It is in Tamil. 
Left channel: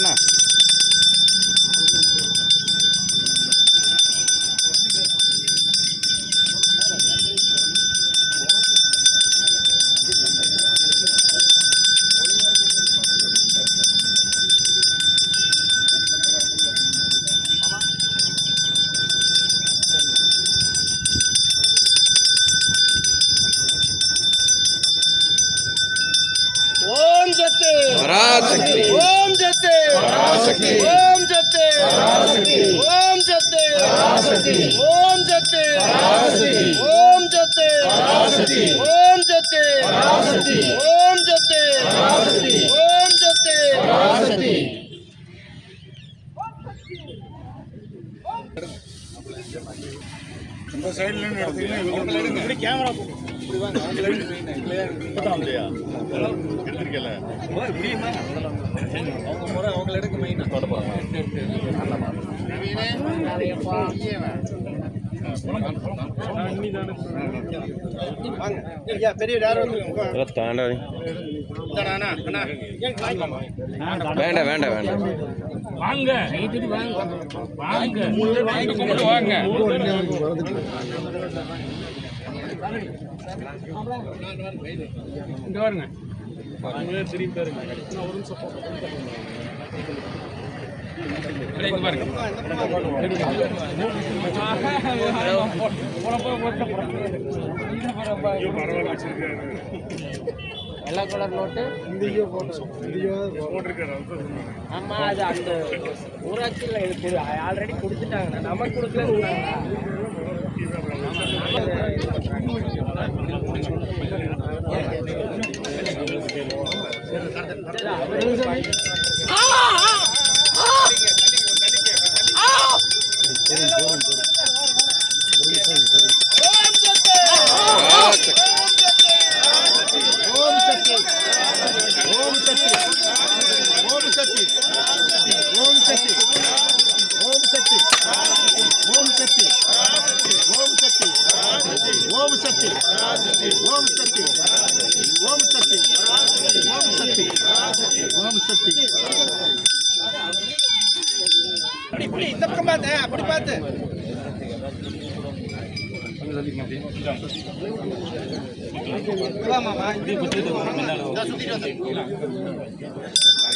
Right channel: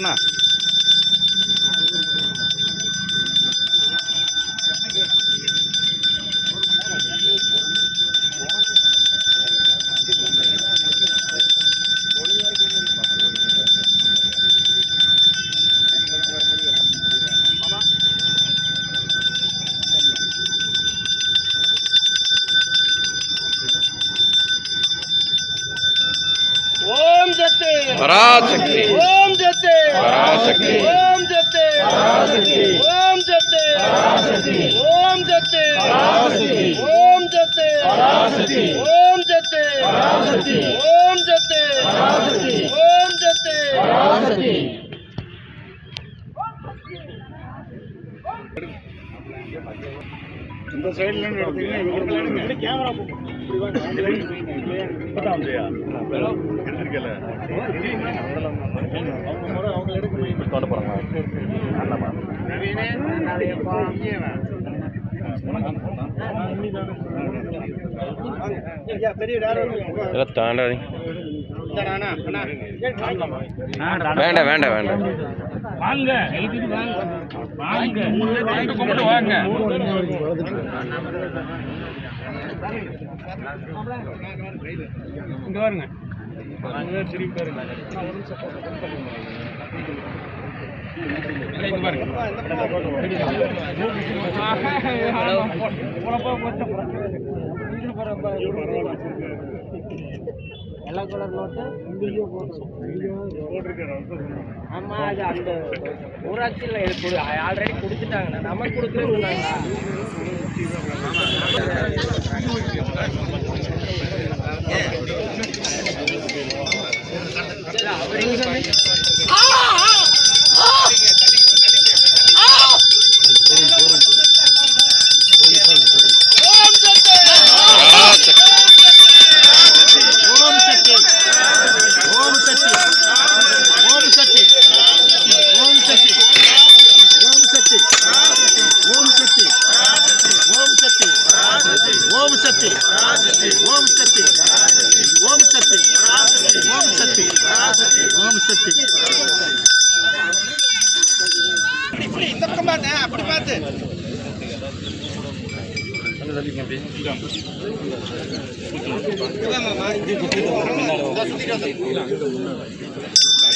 வரண்ணா. ஓம் சக்தி பராசக்தி ஓம் சக்தி பராசக்தி ஓம் சக்தி பராசக்தி ஓம் சக்தி பராசக்தி ஓம் சக்தி பராசக்தி ஓம் சக்தி பராசக்தி ஓம் சக்தி பராசக்தி ஓம் சக்தி பராசக்தி ஓம் சக்தி பராசக்தி. இந்த சைடுல இருந்து எடுத்தீங்கன்னா கேமரா இப்பதான் எடுத்திருக்கல அவங்க எடுக்க தோட்ட போறாங்க. தாண்டாதி வேண்டாம் வேண்டாம் வேண்டாம் வாங்க வாங்க கும்பிட்டு வாங்க. இங்க பாருங்க திரும்பி பாருங்க. ஒரு நிமிஷம் பாருங்க. வெள்ளை கலர் நோட்டு ஆமா, அது அந்த ஊராட்சியில் ஆல்ரெடி கொடுத்துட்டாங்க. நமக்கு கொடுத்துருந்தாங்க. இந்த பக்கம் பார்த்து அப்படி பார்த்து சுத்திட்டு